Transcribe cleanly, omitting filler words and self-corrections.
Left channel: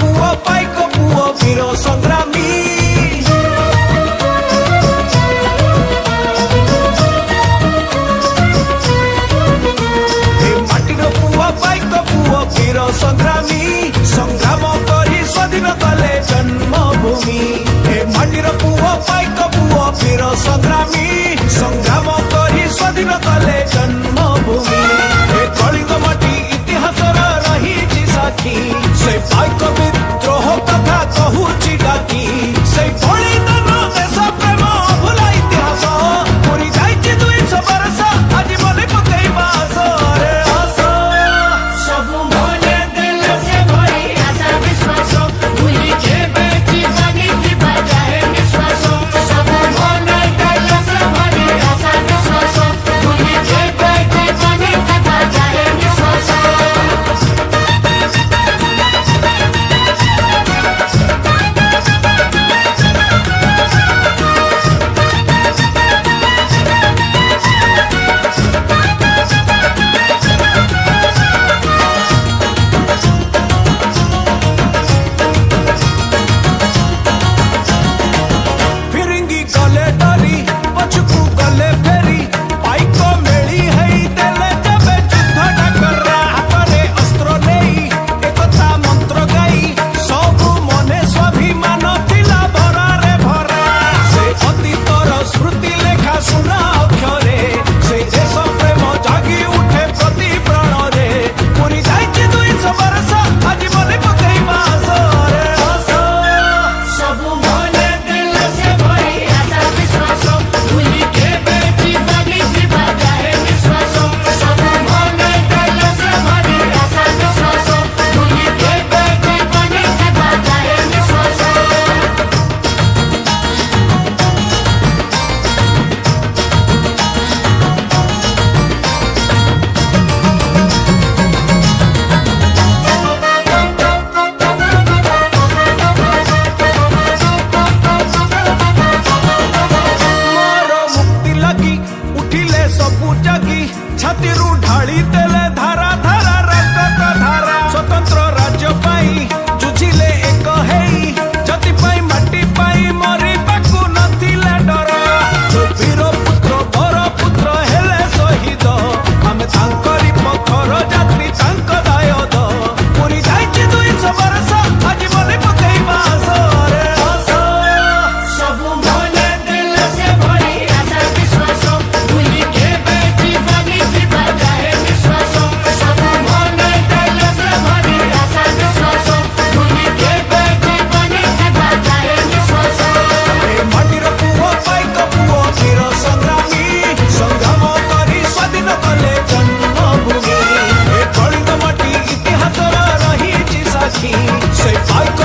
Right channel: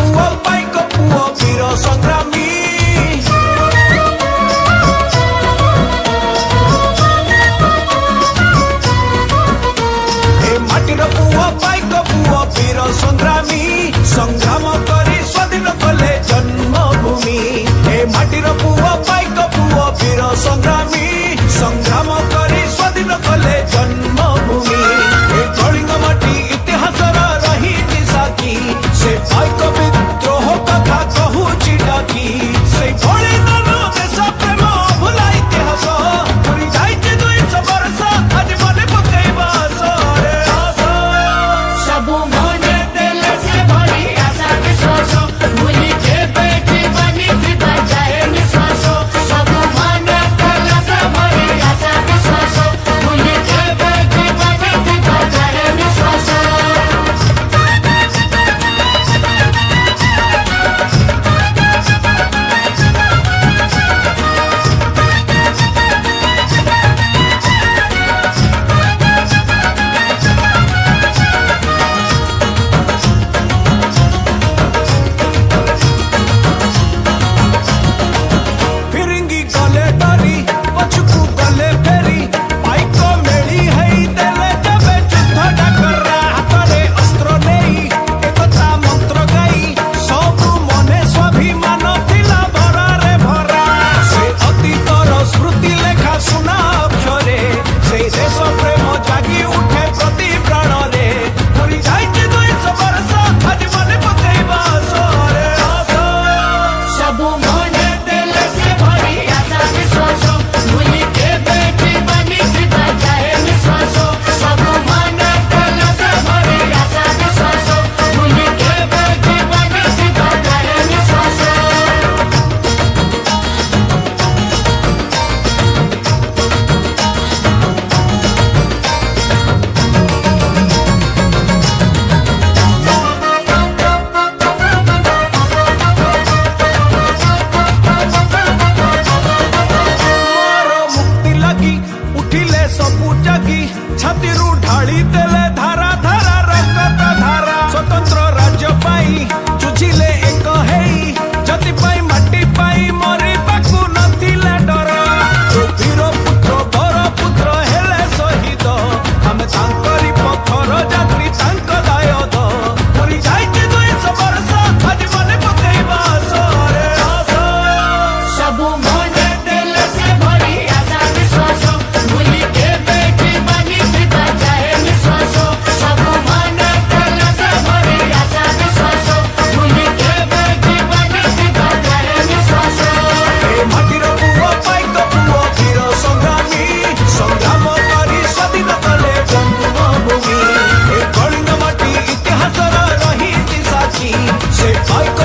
पुओ पाइक पुओ वीर संग्रामी माटीर पुओ पाइक पुओ वीर संग्रामी संग्राम करी स्वाधीन कले जन्मभूमि ए माटीर पुओ पाइक पुओ वीर संग्रामी संग्राम करी स्वाधीन कले जन्मभूमि ए कलिंग माटी इतिहास रही साखी से पाइक विद्रोह कथा कहूची डाकी से बलिदान देश प्रेम भूला इतिहास पूरी जाइए 200 वर्ष आज मन पकेबा पछकू गले फेरी पाइक मेली है देले जबे युद्ध डाकरा हाथ रे अस्त्र नहीं एकता मंत्र गाई सब मने स्वाभिमान थिला भरा रे भरा से अतीतर स्मृति लेखा सुना अक्षरे से देश प्रेम जागी उठे प्रति प्राण रे पूरी जाइए 200 वर्ष आज मन पकेबा रे उठिले सबु जगी छाती ढाली देले धारा धारा रक्त धारा स्वतंत्र राज्य पाई जुझिले एक हेई जति पाई माटी पाई मरी पाकु नथिले डर जो वीर पुत्र बर पुत्र हेले शहीद आमे तांकरी पथर यात्री तांक दायद पूरी जाइए 200 वर्ष आज मन पकेबा रे माटीर पुओ पाइक पुओ वीर संग्रामी संग्राम करी स्वाधीन कले जन्मभूमि ए कलिंग माटी इतिहास रही साखी से पाइक